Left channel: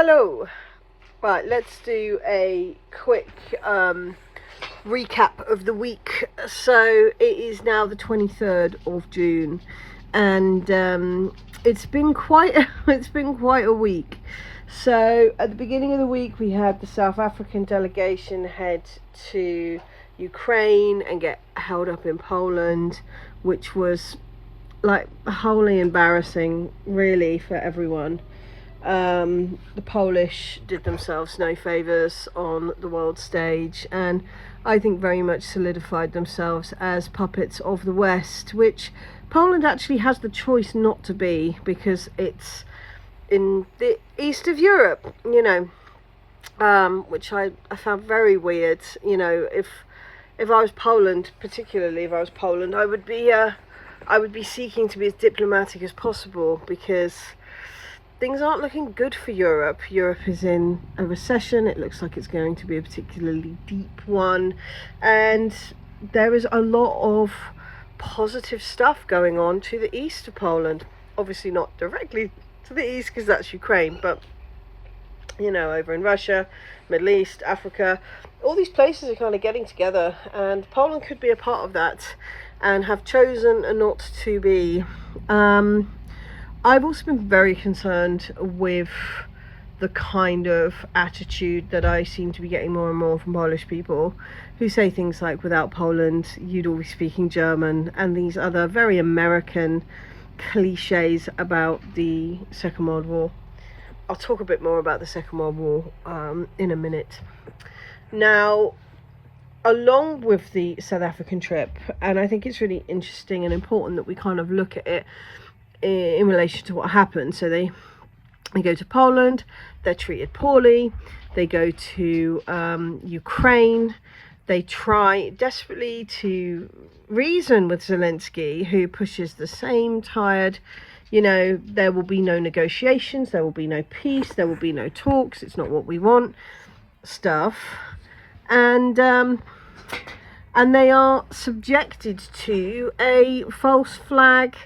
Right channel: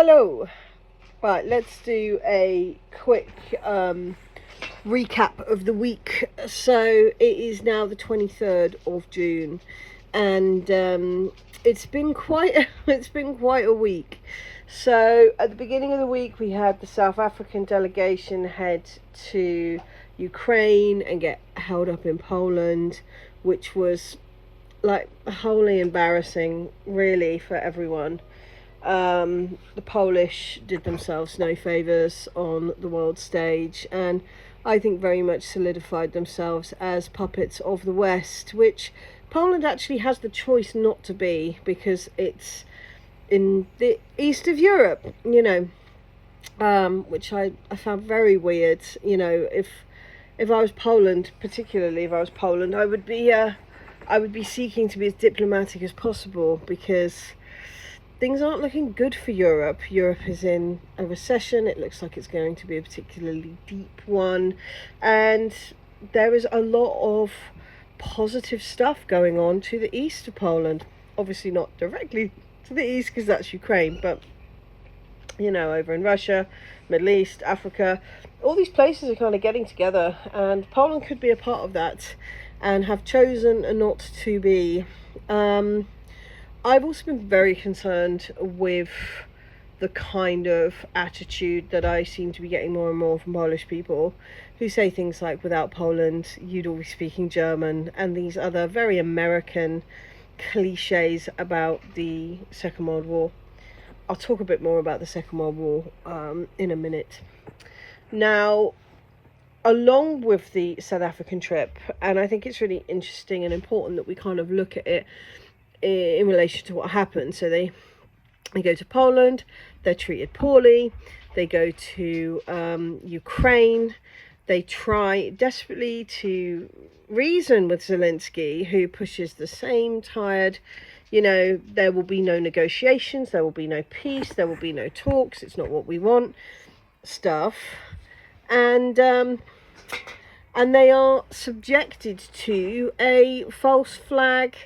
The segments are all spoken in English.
Hello. Right, let's do a quick recap of the week. So it is now the 23rd of June, and it's been quite a week. So at the beginning of the week, we had the South African delegation head to Ukraine and get held up in Poland, which was like wholly embarrassing, really, for everyone. The Polish did themselves no favours on the world stage, and I think very much solidified themselves as puppets of the West, which Poland actually has the choice not to be, because it's in the east of Europe, which I found very weird. If I was Poland, particularly if I was Poland, I would be seeking to be as diplomatic as possible, because things aren't looking good for Europe. Europe is in a recession. It looks like it's going to be a particularly deep one. And there is a lot of positive stuff going on to the east of Poland. Obviously not directly to the east, because that's Ukraine, but over in Russia, Middle East, Africa, all these places are kind of getting together, and Poland could be a part of that and have chosen not to be. I've also been very concerned with the kind of attitude that I seem to be getting more and more from Polish people, who say things like, without Poland, you'd all be speaking German, and these other very American cliches about the Second World War. I'll talk a bit more about the Second World War in a minute. Now, along with the South African trip, and I think it's really interesting and important that we kind of look at it in relation to what happened. So they go to Poland, they're treated poorly. They go to Ukraine, they try desperately to reason with Zelensky, who pushes the same tired, there will be no negotiations, there will be no peace, there will be no talks, it's not what we want stuff. And they are subjected to a false flag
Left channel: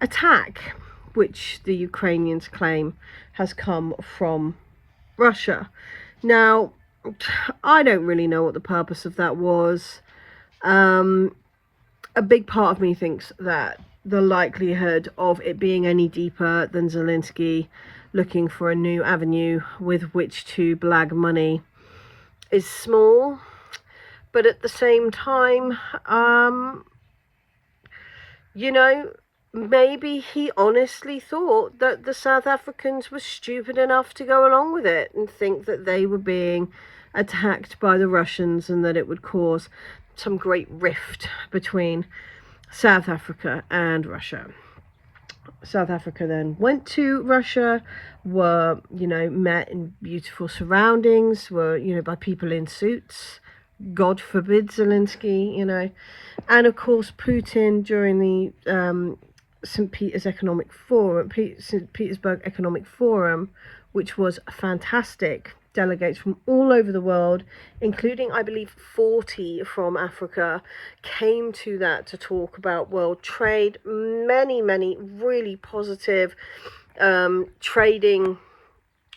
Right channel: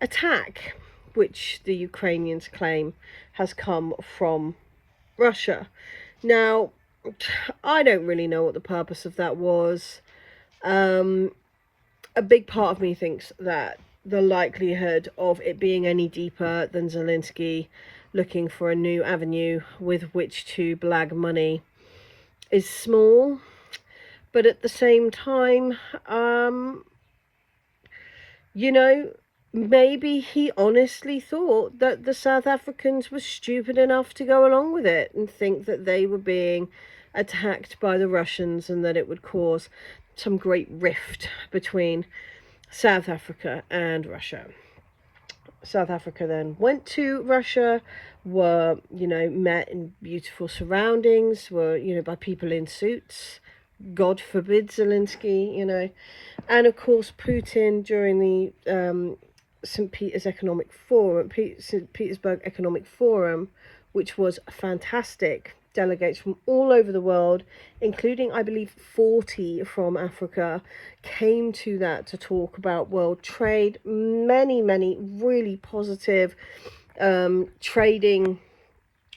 attack, which the Ukrainians claim has come from Russia. Now, I don't really know what the purpose of that was. A big part of me thinks that the likelihood of it being any deeper than Zelensky looking for a new avenue with which to blag money is small, but at the same time, maybe he honestly thought that the South Africans were stupid enough to go along with it and think that they were being attacked by the Russians, and that it would cause some great rift between South Africa and Russia. South Africa then went to Russia, were, met in beautiful surroundings, were, by people in suits. God forbid Zelensky, and of course Putin during the St. Petersburg Economic Forum, which was fantastic. Delegates from all over the world, including, I believe, 40 from Africa, came to that to talk about world trade. Many really positive trading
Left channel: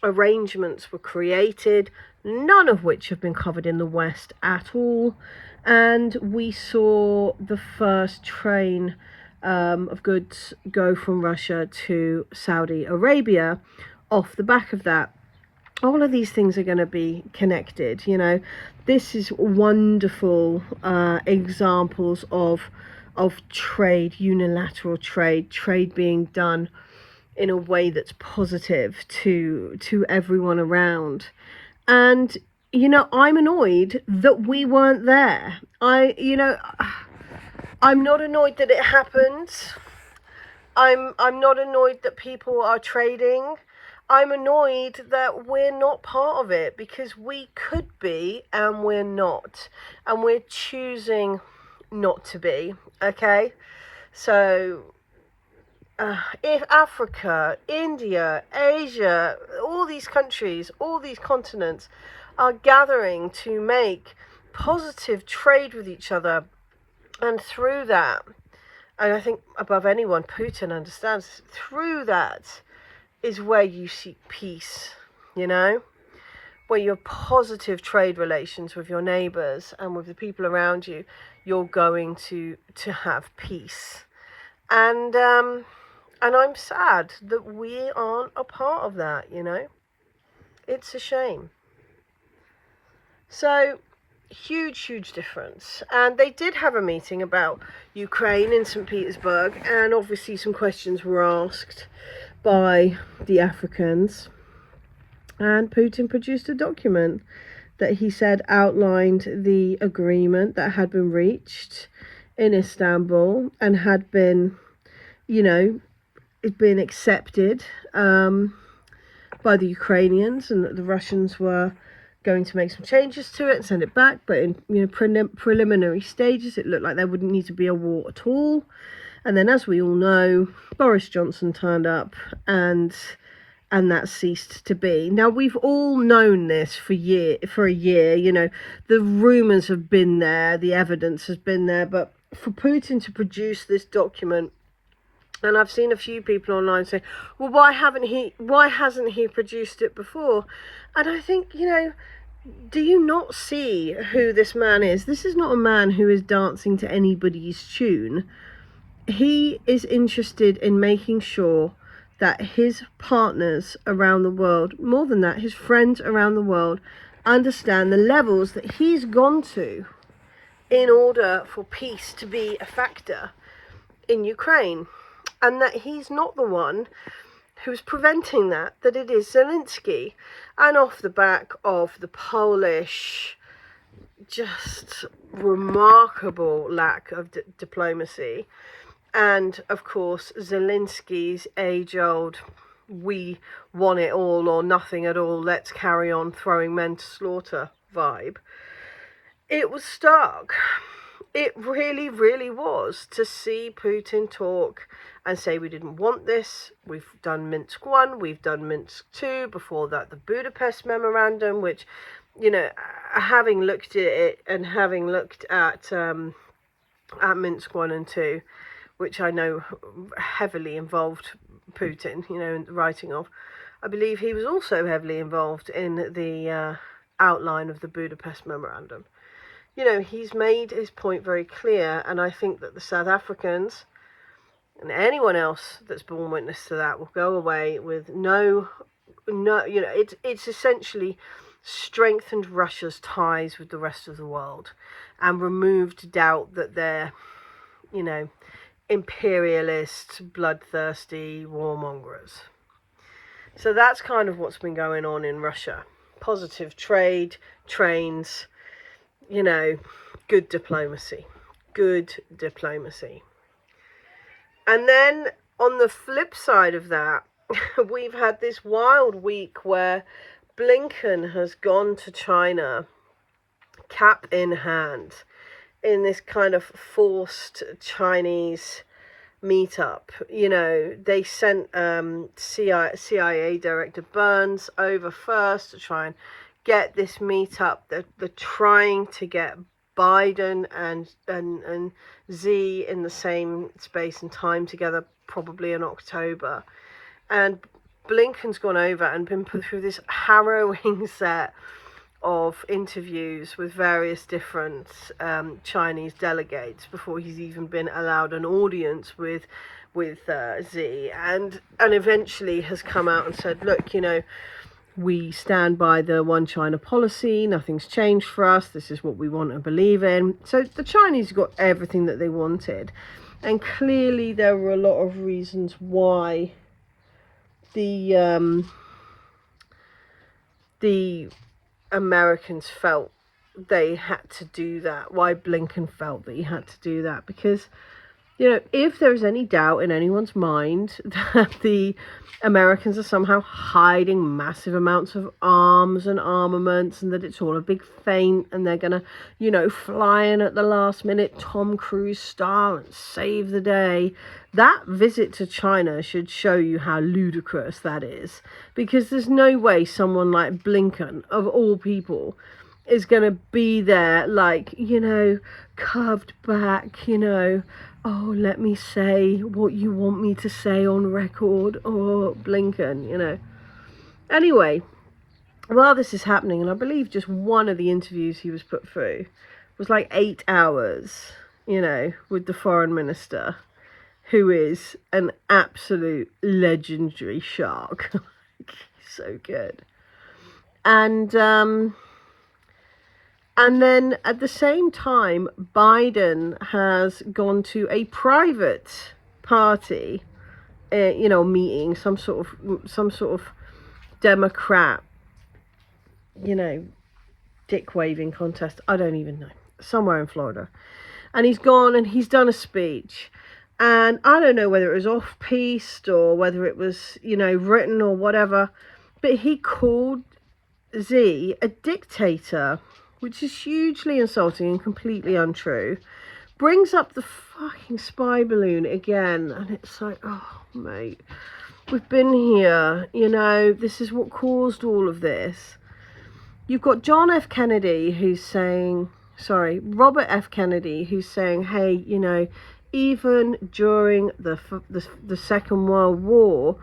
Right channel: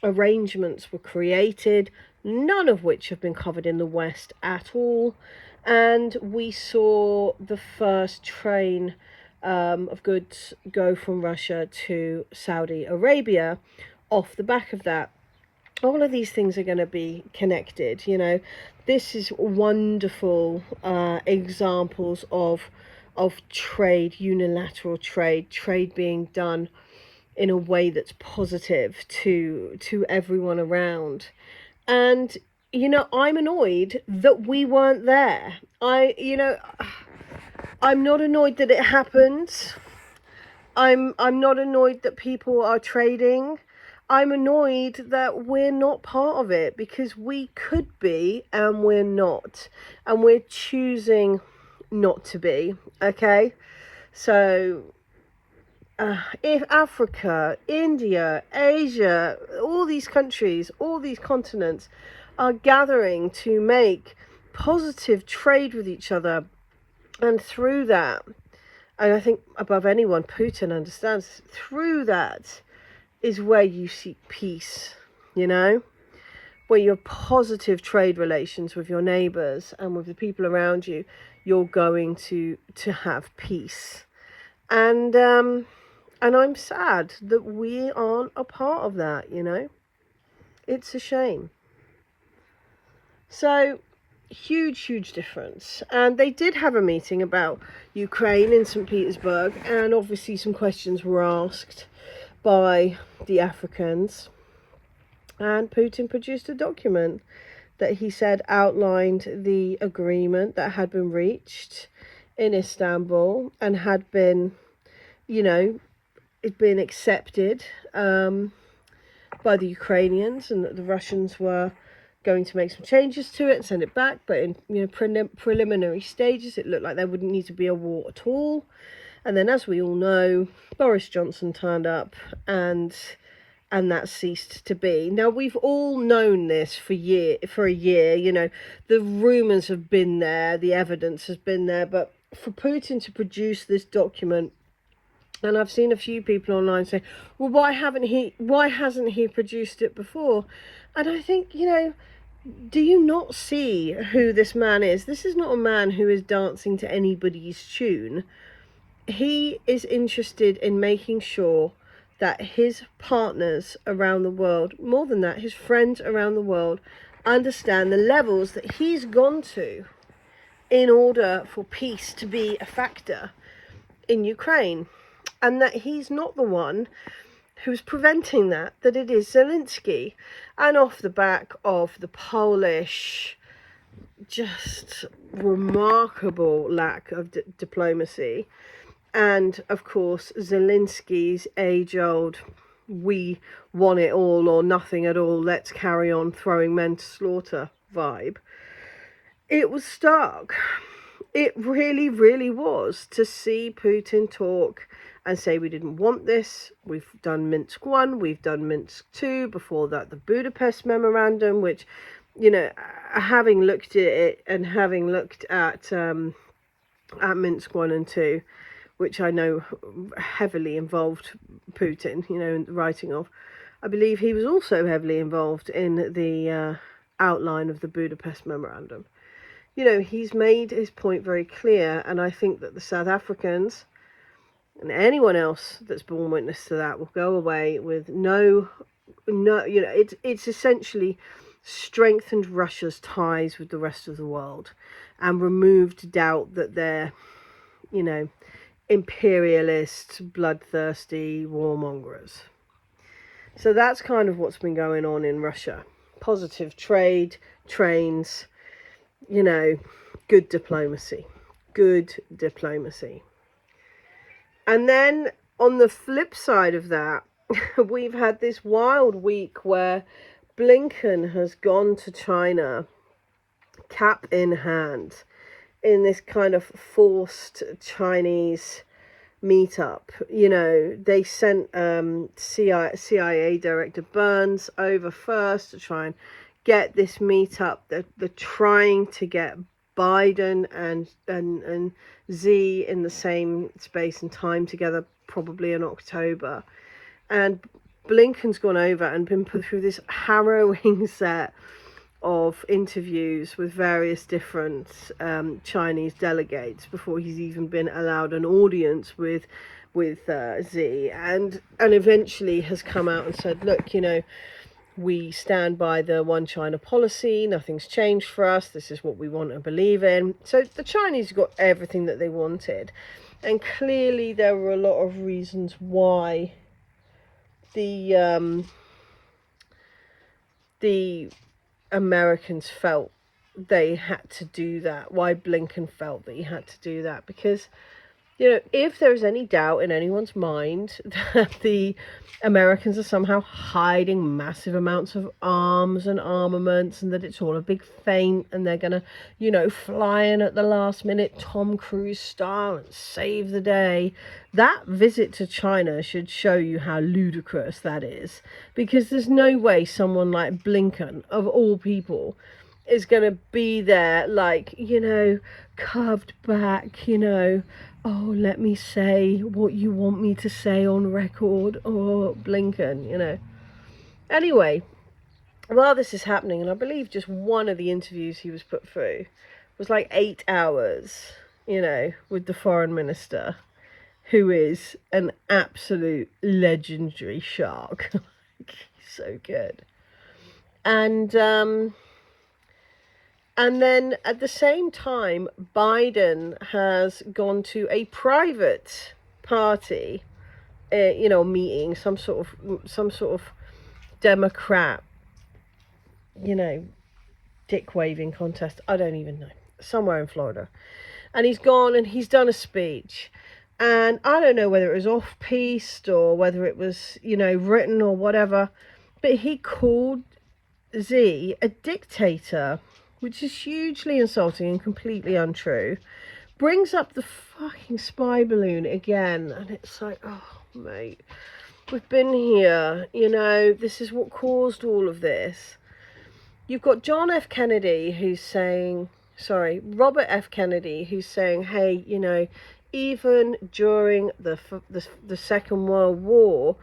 arrangements were created, none of which have been covered in the West at all. And we saw the first train of goods go from Russia to Saudi Arabia off the back of that. All of these things are going to be connected. This is wonderful examples of trade, unilateral trade being done in a way that's positive to everyone around. And I'm annoyed that we weren't there. I'm not annoyed that it happened. I'm not annoyed that people are trading. I'm annoyed that we're not part of it, because we could be and we're not, and we're choosing not to be. Okay, so if Africa, India, Asia, all these countries, all these continents are gathering to make positive trade with each other, and through that, and I think above anyone Putin understands, through that is where you seek peace. you know, where you have positive trade relations with your neighbours and with the people around you, you're going to have peace. And I'm sad that we aren't a part of that, you know. It's a shame. So, huge difference. And they did have a meeting about Ukraine in St. Petersburg, and obviously some questions were asked by the Africans. And Putin produced a document that he said outlined the agreement that had been reached in Istanbul and had been, you know, been accepted by the Ukrainians, and that the Russians were going to make some changes to it and send it back, but in, you know, preliminary stages it looked like there wouldn't need to be a war at all. And then, as we all know, Boris Johnson turned up, and that ceased to be. Now, we've all known this for a year, you know, the rumours have been there, the evidence has been there, but for Putin to produce this document, and I've seen a few people online say, well, why hasn't he produced it before? And I think, you know, do you not see who this man is? This is not a man who is dancing to anybody's tune. He is interested in making sure that his partners around the world, more than that, his friends around the world, understand the levels that he's gone to in order for peace to be a factor in Ukraine. And that he's not the one who's preventing that it is Zelensky. And off the back of the Polish just remarkable lack of diplomacy, and of course Zelensky's age-old we want it all or nothing at all, let's carry on throwing men to slaughter vibe, it was stark. It really was, to see Putin talk and say, we didn't want this, we've done Minsk 1, we've done Minsk 2, before that the Budapest Memorandum, which, you know, having looked at it and having looked at Minsk 1 and 2, which I know heavily involved Putin, you know, in the writing of, I believe he was also heavily involved in the outline of the Budapest Memorandum. You know, he's made his point very clear, and I think that the South Africans and anyone else that's borne witness to that will go away with no, you know, it's essentially strengthened Russia's ties with the rest of the world and removed doubt that they're, you know, imperialist, bloodthirsty warmongers. So that's kind of what's been going on in Russia. Positive trade, trains, you know, good diplomacy. And then on the flip side of that, we've had this wild week where Blinken has gone to China, cap in hand, in this kind of forced Chinese meetup. You know, they sent CIA Director Burns over first to try and get this meetup. They're trying to get Biden and Xi in the same space and time together, probably in October. And Blinken's gone over and been put through this harrowing set of interviews with various different Chinese delegates before he's even been allowed an audience with Xi, and eventually has come out and said, look, you know, we stand by the one China policy, nothing's changed for us, this is what we want and believe in. So the Chinese got everything that they wanted, and clearly there were a lot of reasons why the Americans felt they had to do that, why Blinken felt that he had to do that, because, you know, if there is any doubt in anyone's mind that the Americans are somehow hiding massive amounts of arms and armaments, and that it's all a big feint, and they're gonna, you know, fly in at the last minute Tom Cruise style and save the day, that visit to China should show you how ludicrous that is. Because there's no way someone like Blinken, of all people, is going to be there, like, you know, curved back, you know, oh, let me say what you want me to say on record, or Blinken, you know. Anyway, while this is happening, and I believe just one of the interviews he was put through was like 8 hours, you know, with the foreign minister, who is an absolute legendary shark. So good. And then at the same time, Biden has gone to a private party, you know, meeting, some sort of Democrat, you know, dick waving contest. I don't even know, somewhere in Florida. And he's gone and he's done a speech. And I don't know whether it was off-piste or whether it was, you know, written or whatever, but he called Xi a dictator, which is hugely insulting and completely untrue. Brings up the fucking spy balloon again, and it's like, oh, mate, we've been here, you know, this is what caused all of this. You've got John F. Kennedy who's saying, Robert F. Kennedy, who's saying, hey, you know, even during the Second World War,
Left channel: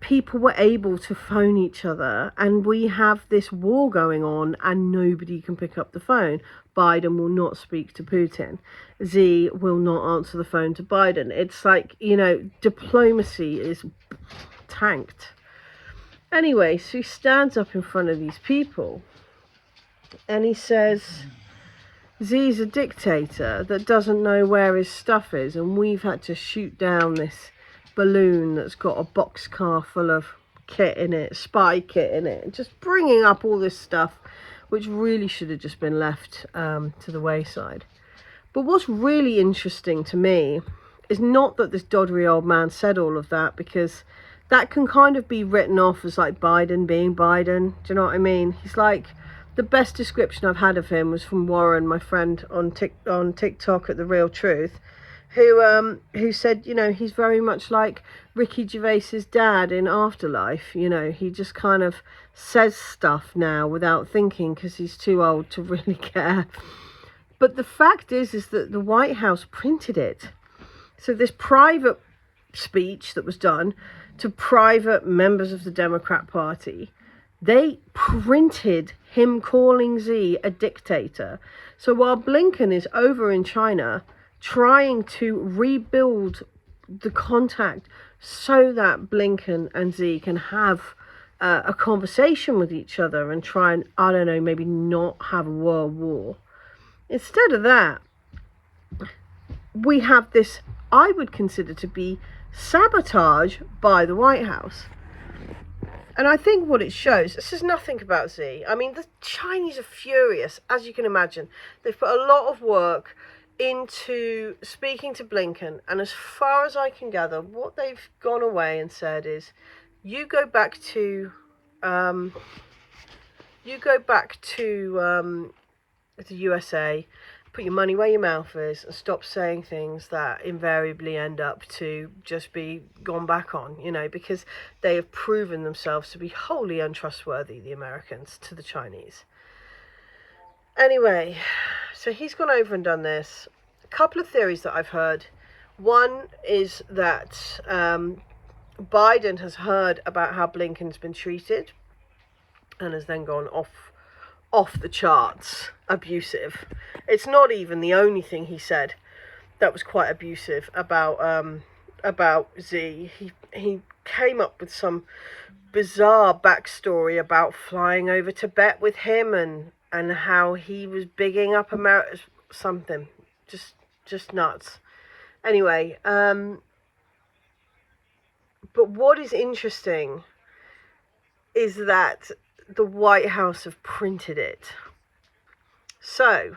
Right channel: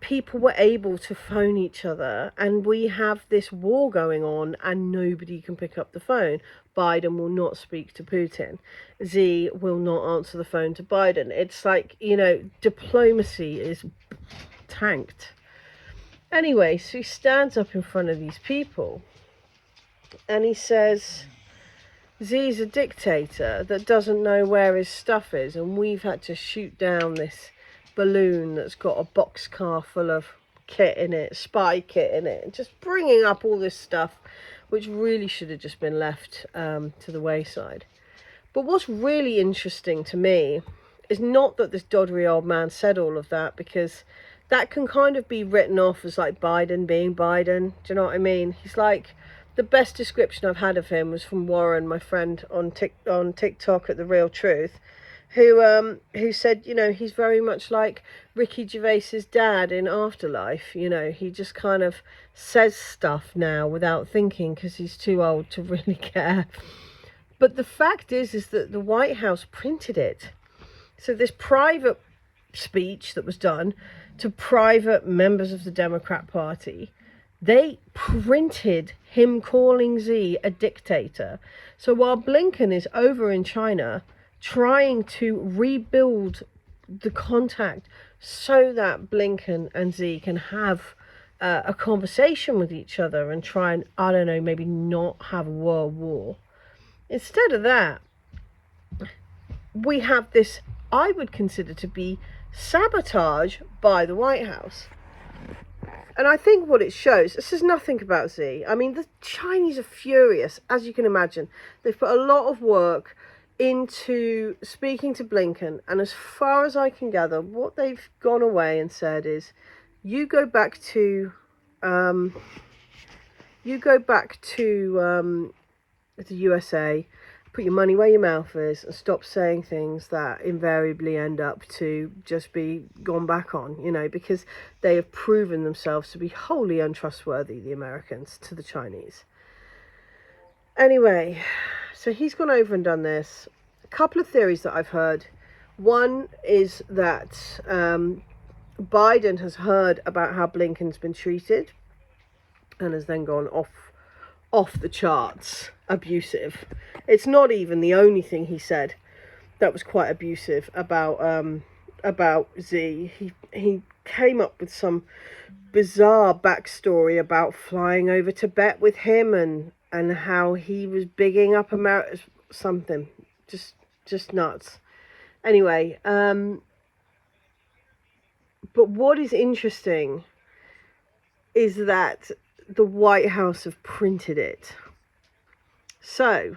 people were able to phone each other, and we have this war going on and nobody can pick up the phone. Biden will not speak to Putin. Xi will not answer the phone to Biden. It's like, you know, diplomacy is tanked. Anyway, so he stands up in front of these people and he says, Xi's a dictator that doesn't know where his stuff is, and we've had to shoot down this balloon that's got a boxcar full of kit in it, spy kit in it, just bringing up all this stuff which really should have just been left to the wayside. But what's really interesting to me is not that this doddery old man said all of that, because that can kind of be written off as like Biden being Biden. Do you know what I mean? He's like, the best description I've had of him was from Warren, my friend on TikTok at The Real Truth, who said, you know, he's very much like Ricky Gervais's dad in Afterlife. You know, he just kind of says stuff now without thinking because he's too old to really care. But the fact is that the White House printed it. So this private speech that was done to private members of the Democrat Party, they printed him calling Xi a dictator. So while Blinken is over in China trying to rebuild the contact so that Blinken and Xi can have a conversation with each other and try and, I don't know, maybe not have a world war. Instead of that, we have this, I would consider to be sabotage by the White House. And I think what it shows, this is nothing about Xi. I mean, the Chinese are furious, as you can imagine. They've put a lot of work into speaking to Blinken. And as far as I can gather, what they've gone away and said is, you go back to the USA, put your money where your mouth is, and stop saying things that invariably end up to just be gone back on, you know, because they have proven themselves to be wholly untrustworthy, the Americans, to the Chinese. Anyway, so he's gone over and done this. A couple of theories that I've heard. One is that Biden has heard about how Blinken's been treated and has then gone off the charts abusive. It's not even the only thing he said that was quite abusive about Xi. He came up with some bizarre backstory about flying over Tibet with him and how he was bigging up America, something just nuts. Anyway, but what is interesting is that the White House have printed it. So,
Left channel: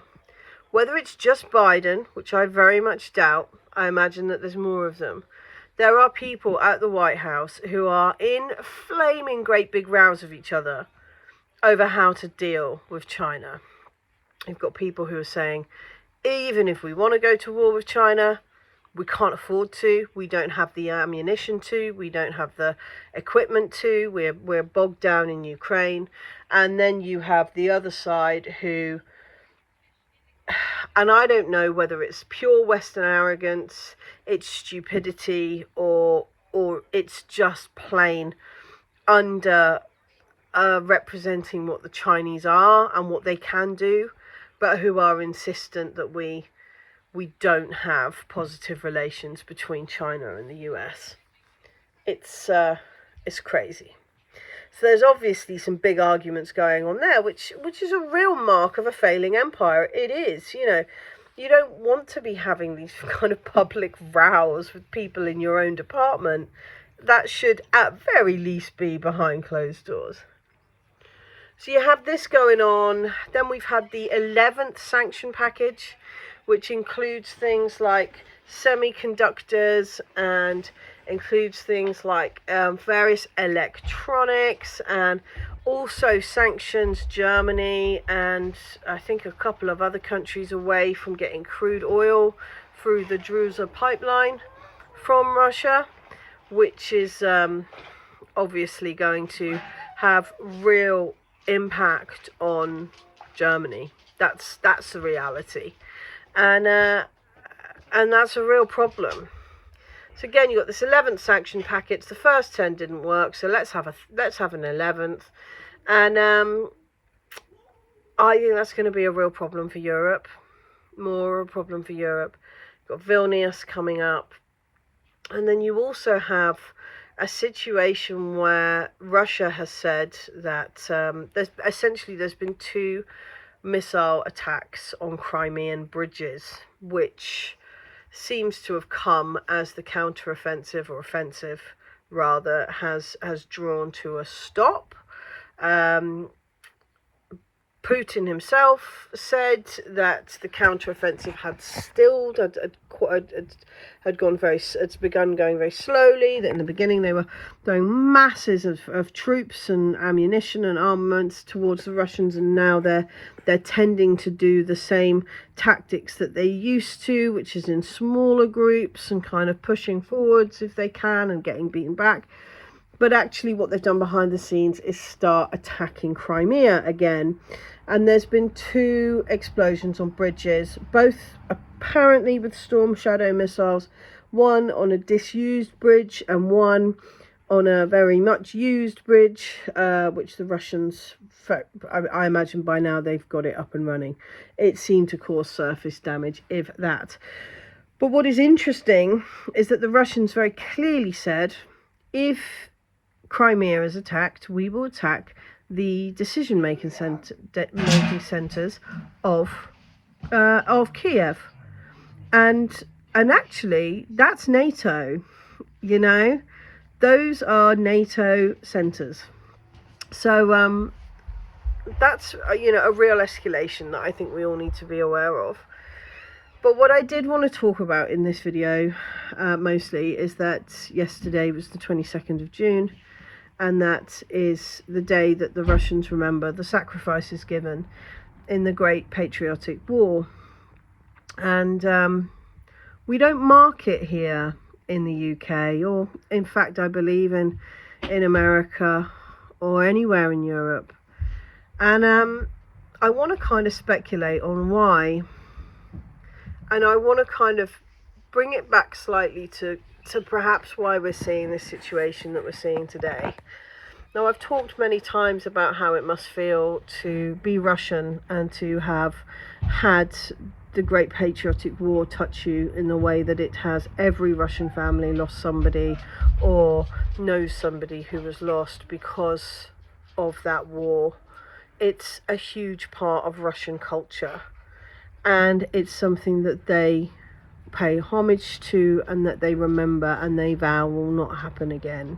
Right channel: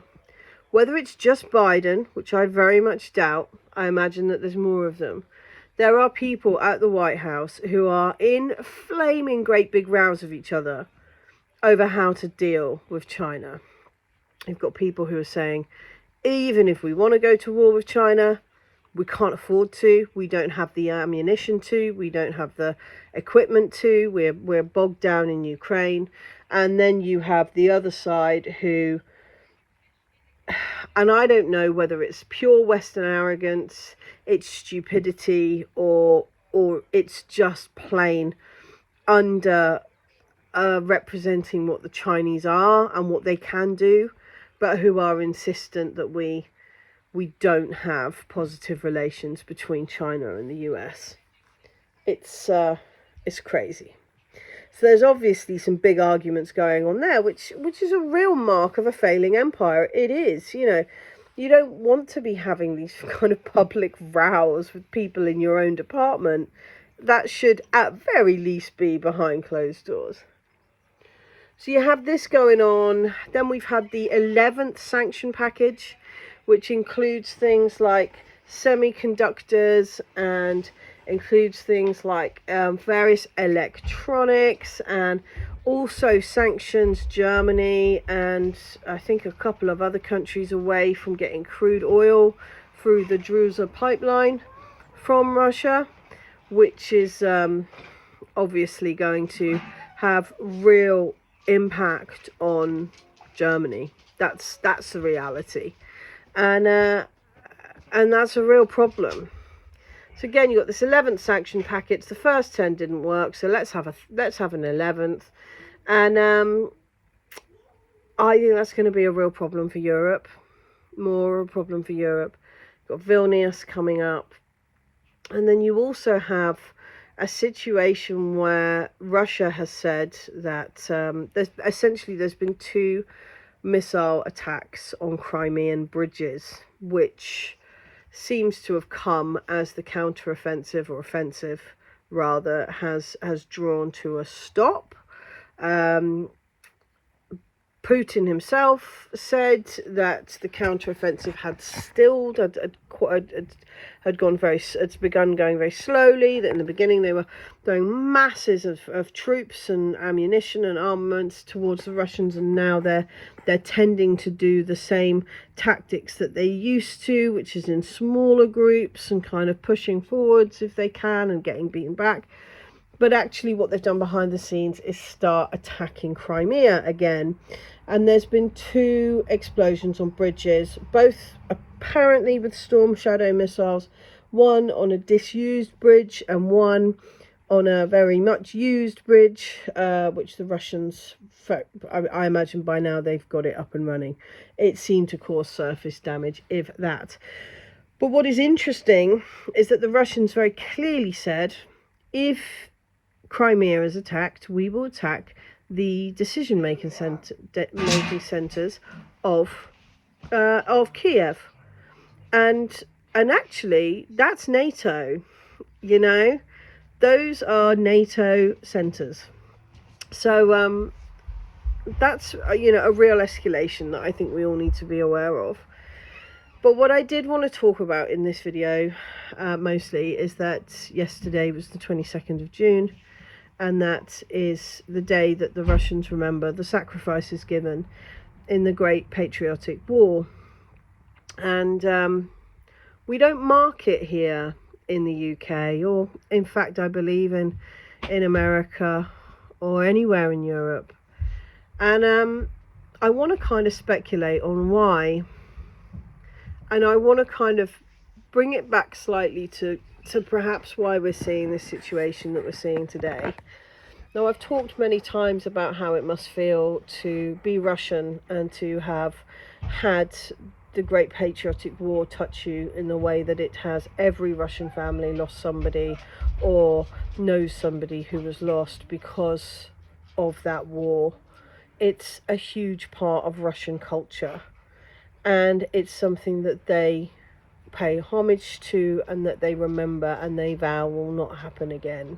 whether it's just Biden, which I very much doubt, I imagine that there's more of them, there are people at the White House who are in flaming great big rows of each other over how to deal with China. You've got people who are saying, even if we want to go to war with China, we can't afford to, we don't have the ammunition to, we don't have the equipment to, we're bogged down in Ukraine. And then you have the other side who, and I don't know whether it's pure Western arrogance, it's stupidity, or it's just plain under representing what the Chinese are and what they can do, but who are insistent that we don't have positive relations between China and the US. It's crazy. So there's obviously some big arguments going on there, which is a real mark of a failing empire. It is, you know, you don't want to be having these kind of public rows with people in your own department. That should at very least be behind closed doors. So you have this going on. Then we've had the 11th sanction package, which includes things like semiconductors and includes things like various electronics, and also sanctions Germany and I think a couple of other countries away from getting crude oil through the Druzhba pipeline from Russia, which is obviously going to have real impact on Germany. That's the reality, and that's a real problem. So again, you've got this 11th sanction package. The first 10 didn't work, so let's have an 11th, and I think that's going to be a real problem for Europe, more a problem for Europe. You've got Vilnius coming up, and then you also have a situation where Russia has said that there's been 2 missile attacks on Crimean bridges, which seems to have come as the counter-offensive, or offensive rather, has drawn to a stop. Putin himself said that the counter-offensive had begun going very slowly, that in the beginning they were throwing masses of troops and ammunition and armaments towards the Russians, and now they're tending to do the same tactics that they used to, which is in smaller groups and kind of pushing forwards if they can and getting beaten back. But actually what they've done behind the scenes is start attacking Crimea again. And there's been 2 explosions on bridges, both apparently with Storm Shadow missiles, one on a disused bridge and one on a very much used bridge, which the Russians, I imagine by now they've got it up and running. It seemed to cause surface damage, if that. But what is interesting is that the Russians very clearly said, if Crimea is attacked, we will attack the decision-making centres of Kiev, and actually that's NATO. You know, those are NATO centres. So that's a real escalation that I think we all need to be aware of. But what I did want to talk about in this video mostly is that yesterday was the 22nd of June. And that is the day that the Russians remember the sacrifices given in the Great Patriotic War. And we don't mark it here in the UK, or in fact I believe in America or anywhere in Europe. And I want to kind of speculate on why. And I want to kind of bring it back slightly to perhaps why we're seeing this situation that we're seeing today. Now, I've talked many times about how it must feel to be Russian and to have had the Great Patriotic War touch you in the way that it has. Every Russian family lost somebody or knows somebody who was lost because of that war. It's a huge part of Russian culture, and it's something that they pay homage to and that they remember and they vow will not happen again.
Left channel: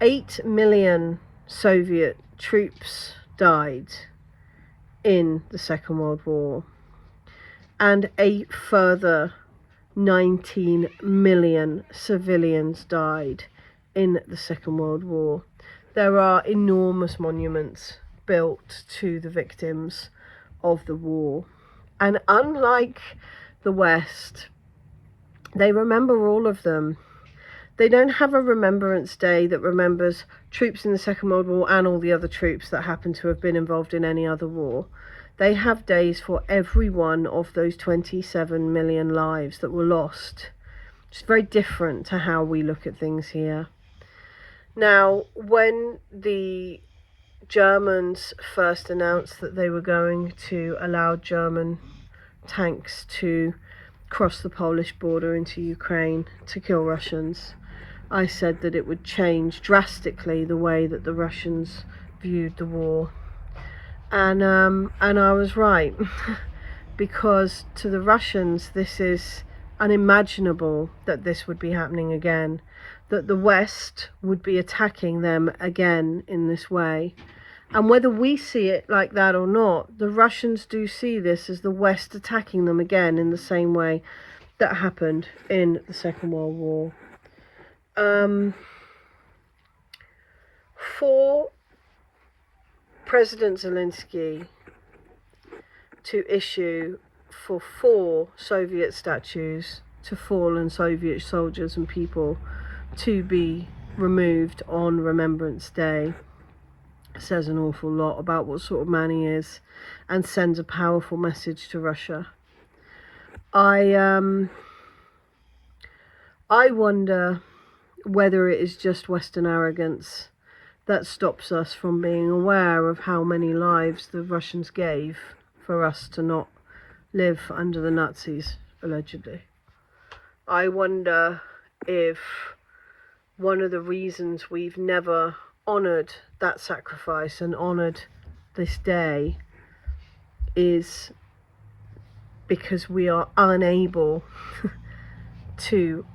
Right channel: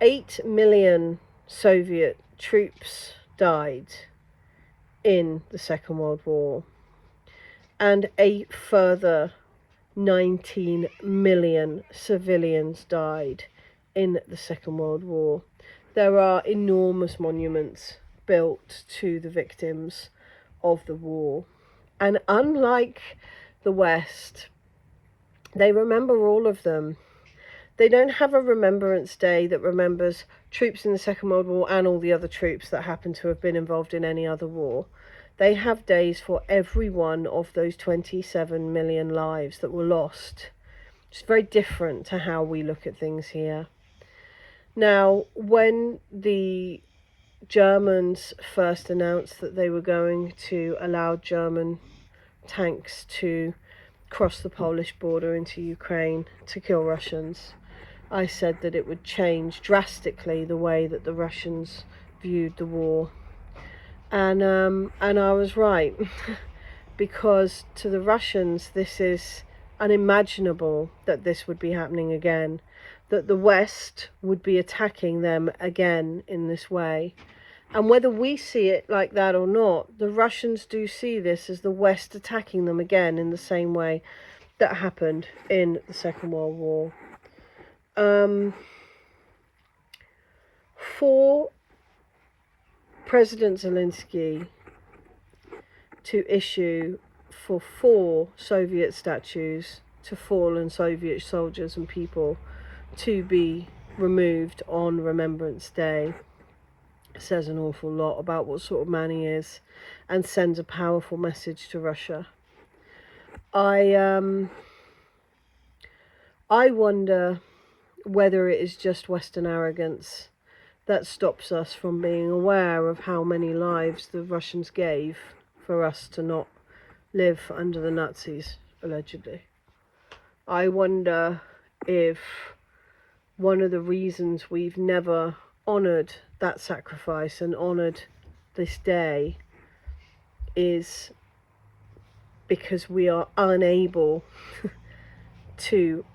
8 million Soviet troops died in the Second World War, and a further 19 million civilians died in the Second World War. There are enormous monuments built to the victims of the war, and unlike the West, they remember all of them. They don't have a Remembrance Day that remembers troops in the Second World War and all the other troops that happen to have been involved in any other war. They have days for every one of those 27 million lives that were lost. It's very different to how we look at things here. Now, when the Germans first announced that they were going to allow German tanks to cross the Polish border into Ukraine to kill Russians, I said that it would change drastically the way that the Russians viewed the war. And I was right. Because to the Russians, this is unimaginable that this would be happening again, that the West would be attacking them again in this way. And whether we see it like that or not, the Russians do see this as the West attacking them again in the same way that happened in the Second World War. For President Zelensky to issue for 4 Soviet statues to fallen Soviet soldiers and people to be removed on Remembrance Day says an awful lot about what sort of man he is, and sends a powerful message to Russia. I wonder whether it is just Western arrogance that stops us from being aware of how many lives the Russians gave for us to not live under the Nazis, allegedly. I wonder if one of the reasons we've never honoured that sacrifice and honoured this day is because we are unable to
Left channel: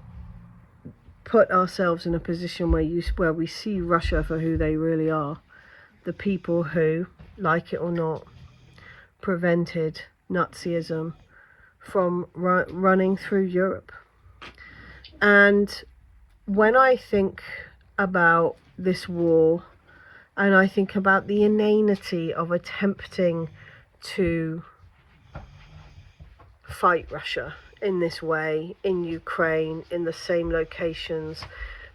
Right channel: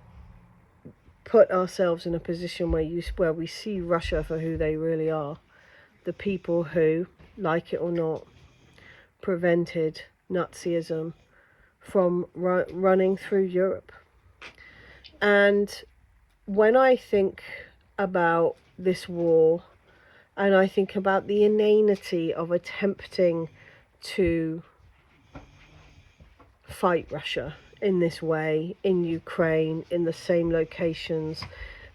put ourselves in a position where we see Russia for who they really are. The people who, like it or not, prevented Nazism from running through Europe. And when I think about this war, and I think about the inanity of attempting to fight Russia in this way, in Ukraine, in the same locations,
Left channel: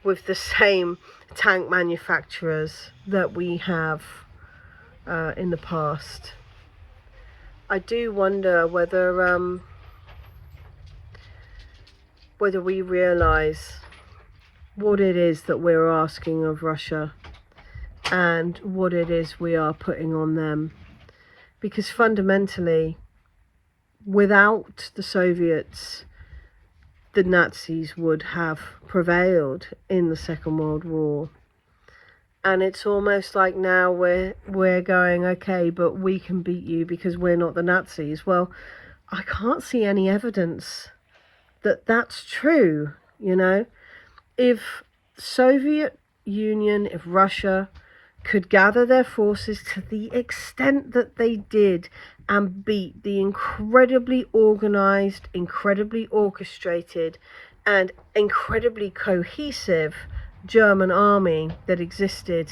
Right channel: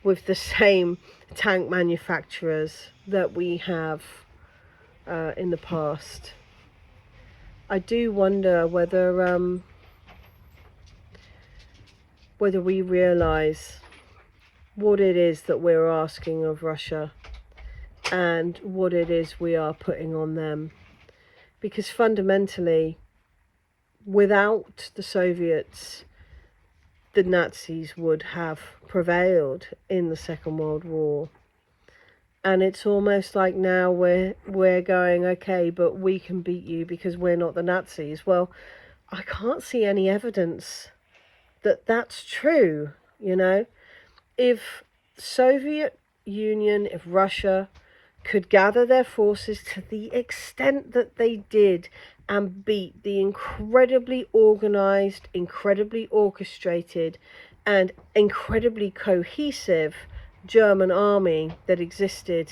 with the same tank manufacturers that we have in the past, I do wonder whether we realise what it is that we're asking of Russia and what it is we are putting on them. Because fundamentally, without the Soviets, the Nazis would have prevailed in the Second World War. And it's almost like now we're going, okay, but we can beat you because we're not the Nazis. Well, I can't see any evidence that that's true, you know. If Soviet Union, if Russia could gather their forces to the extent that they did and beat the incredibly organized, incredibly orchestrated, and incredibly cohesive German army that existed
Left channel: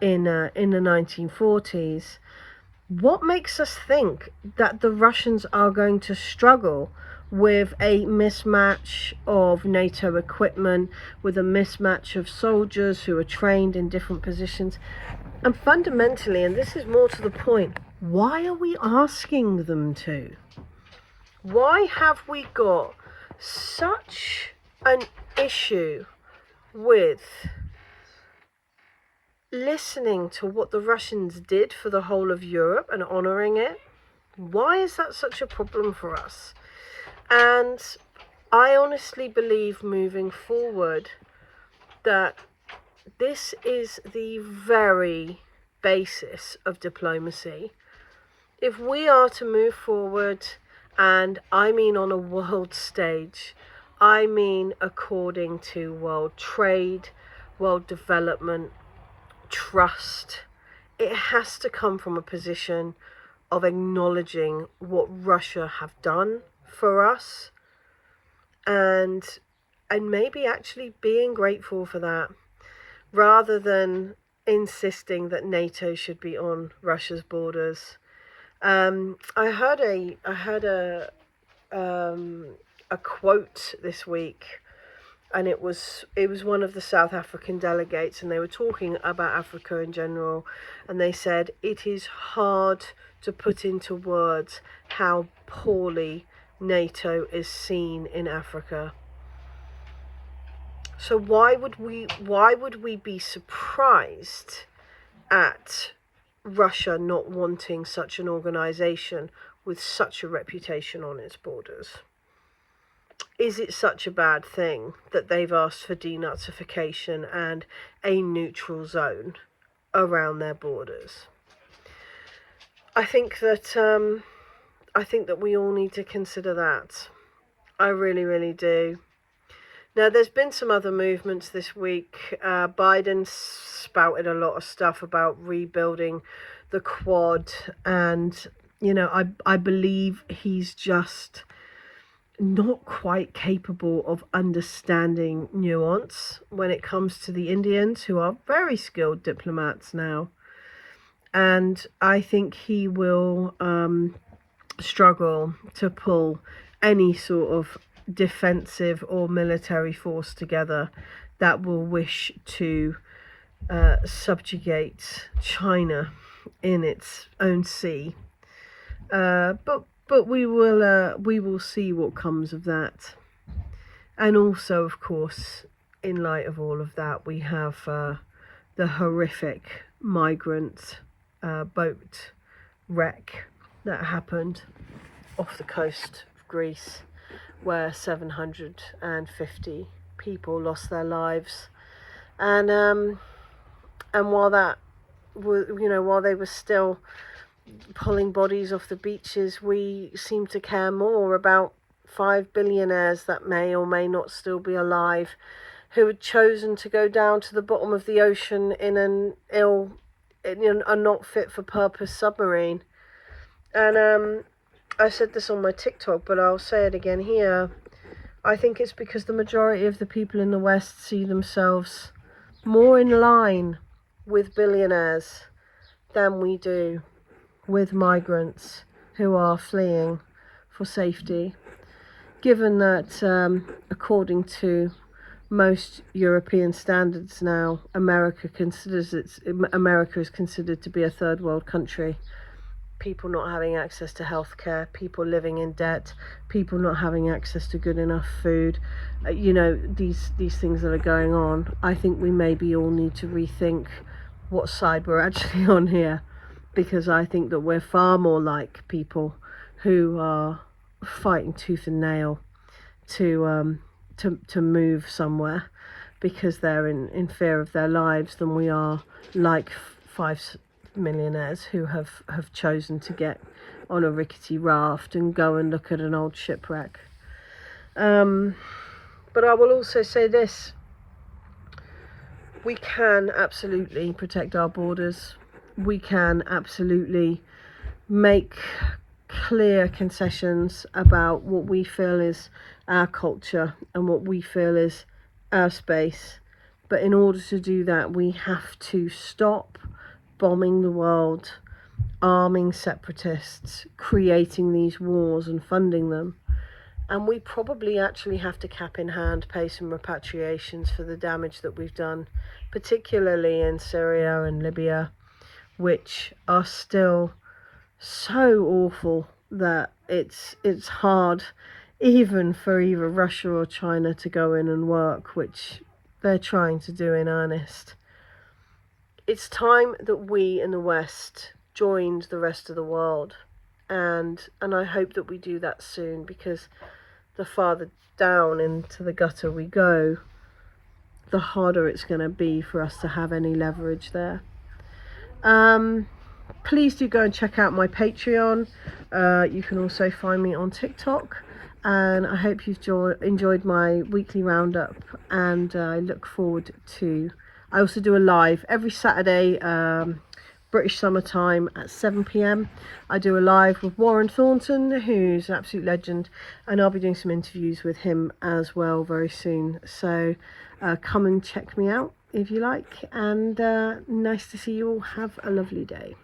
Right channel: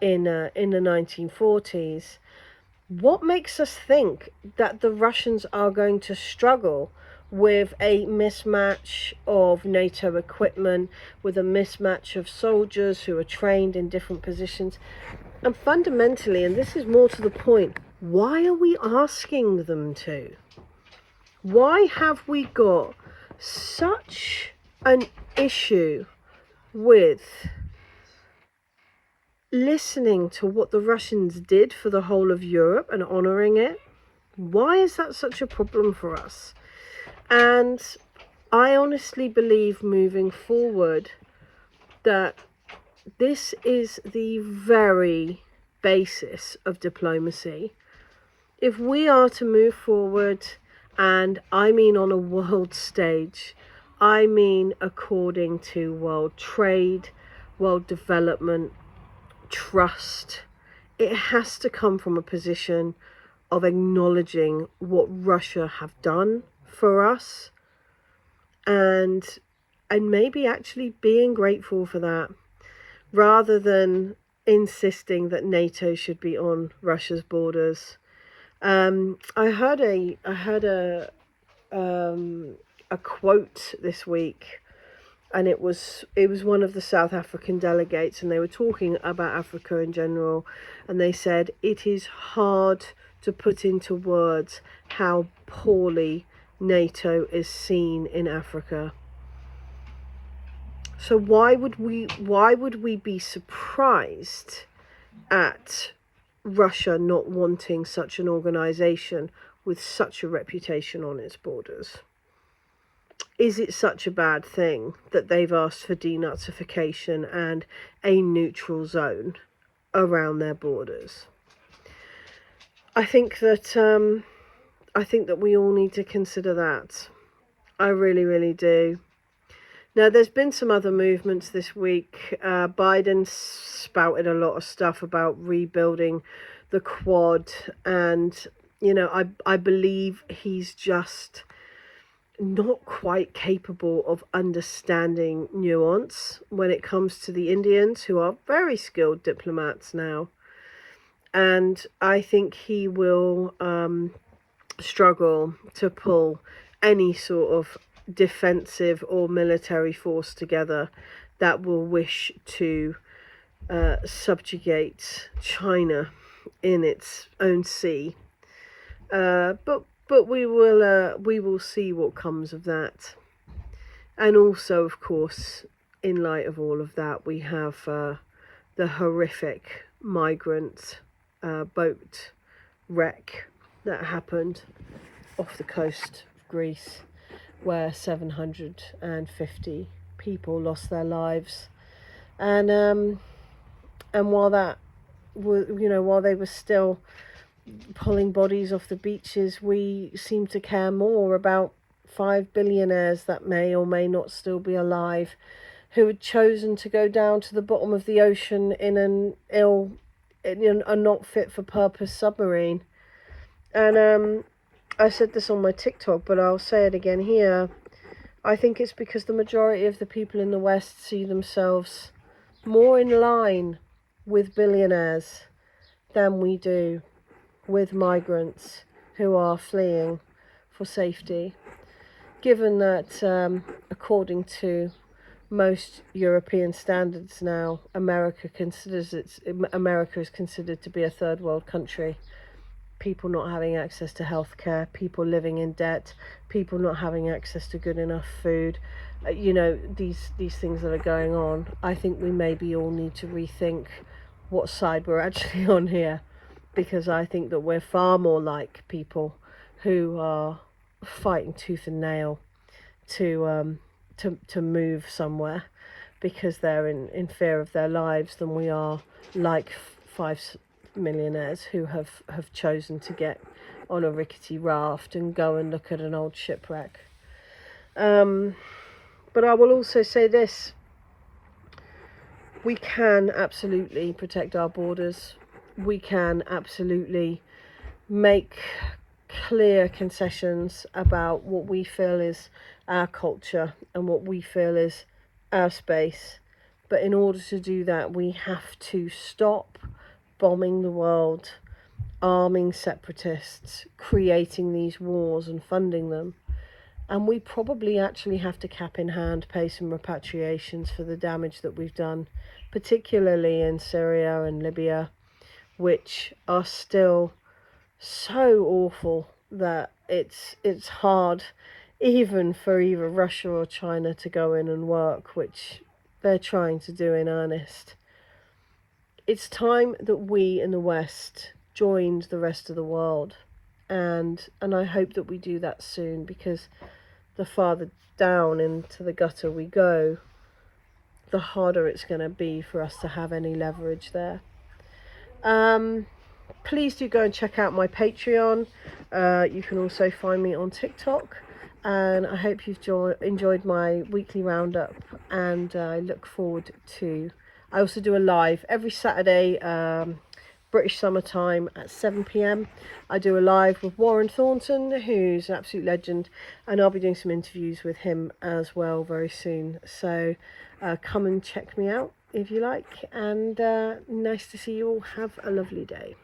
in the 1940s, what makes us think that the Russians are going to struggle with a mismatch of NATO equipment, with a mismatch of soldiers who are trained in different positions? And fundamentally, and this is more to the point, why are we asking them to? Why have we got such an issue with listening to what the Russians did for the whole of Europe and honouring it? Why is that such a problem for us? And I honestly believe moving forward that this is the very basis of diplomacy. If we are to move forward, and I mean on a world stage, I mean according to world trade, world development, trust, it has to come from a position of acknowledging what Russia have done for us, and maybe actually being grateful for that, rather than insisting that NATO should be on Russia's borders. I heard a quote this week, and it was one of the South African delegates, and they were talking about Africa in general, and they said it is hard to put into words how poorly NATO is seen in Africa. So why would we be surprised at Russia not wanting such an organization with such a reputation on its borders? Is it such a bad thing that they've asked for denazification and a neutral zone around their borders? I think that we all need to consider that. I really, really do. Now, there's been some other movements this week. Biden spouted a lot of stuff about rebuilding the Quad, and I believe he's just not quite capable of understanding nuance when it comes to the Indians, who are very skilled diplomats now. And I think he will struggle to pull any sort of defensive or military force together that will wish to subjugate China in its own sea. But we will see what comes of that. And also, of course, in light of all of that, we have the horrific migrant boat wreck that happened off the coast of Greece, where 750 people lost their lives. And while that while they were still pulling bodies off the beaches, we seem to care more about 5 billionaires that may or may not still be alive, who had chosen to go down to the bottom of the ocean in a not fit for purpose submarine. And I said this on my TikTok, but I'll say it again here. I think it's because the majority of the people in the West see themselves more in line with billionaires than we do with migrants who are fleeing for safety. Given that, according to most European standards now, America is considered to be a third world country. People not having access to healthcare, people living in debt, people not having access to good enough food, these things that are going on. I think we maybe all need to rethink what side we're actually on here, because I think that we're far more like people who are fighting tooth and nail to move somewhere because they're in fear of their lives, than we are like 5 millionaires who have chosen to get on a rickety raft and go and look at an old shipwreck. But I will also say this: we can absolutely protect our borders. We can absolutely make clear concessions about what we feel is our culture and what we feel is our space. But in order to do that, we have to stop bombing the world, arming separatists, creating these wars and funding them. And we probably actually have to cap in hand pay some repatriations for the damage that we've done, particularly in Syria and Libya, which are still so awful that it's hard even for either Russia or China to go in and work, which they're trying to do in earnest. It's time that we in the West joined the rest of the world, and I hope that we do that soon, because the farther down into the gutter we go, the harder it's going to be for us to have any leverage there. Please do go and check out my Patreon. You can also find me on TikTok, and I hope you've enjoyed my weekly roundup, and I look forward to... I also do a live every Saturday, British summertime at 7 p.m. I do a live with Warren Thornton, who's an absolute legend, and I'll be doing some interviews with him as well very soon. So come and check me out if you like, and nice to see you all. Have a lovely day.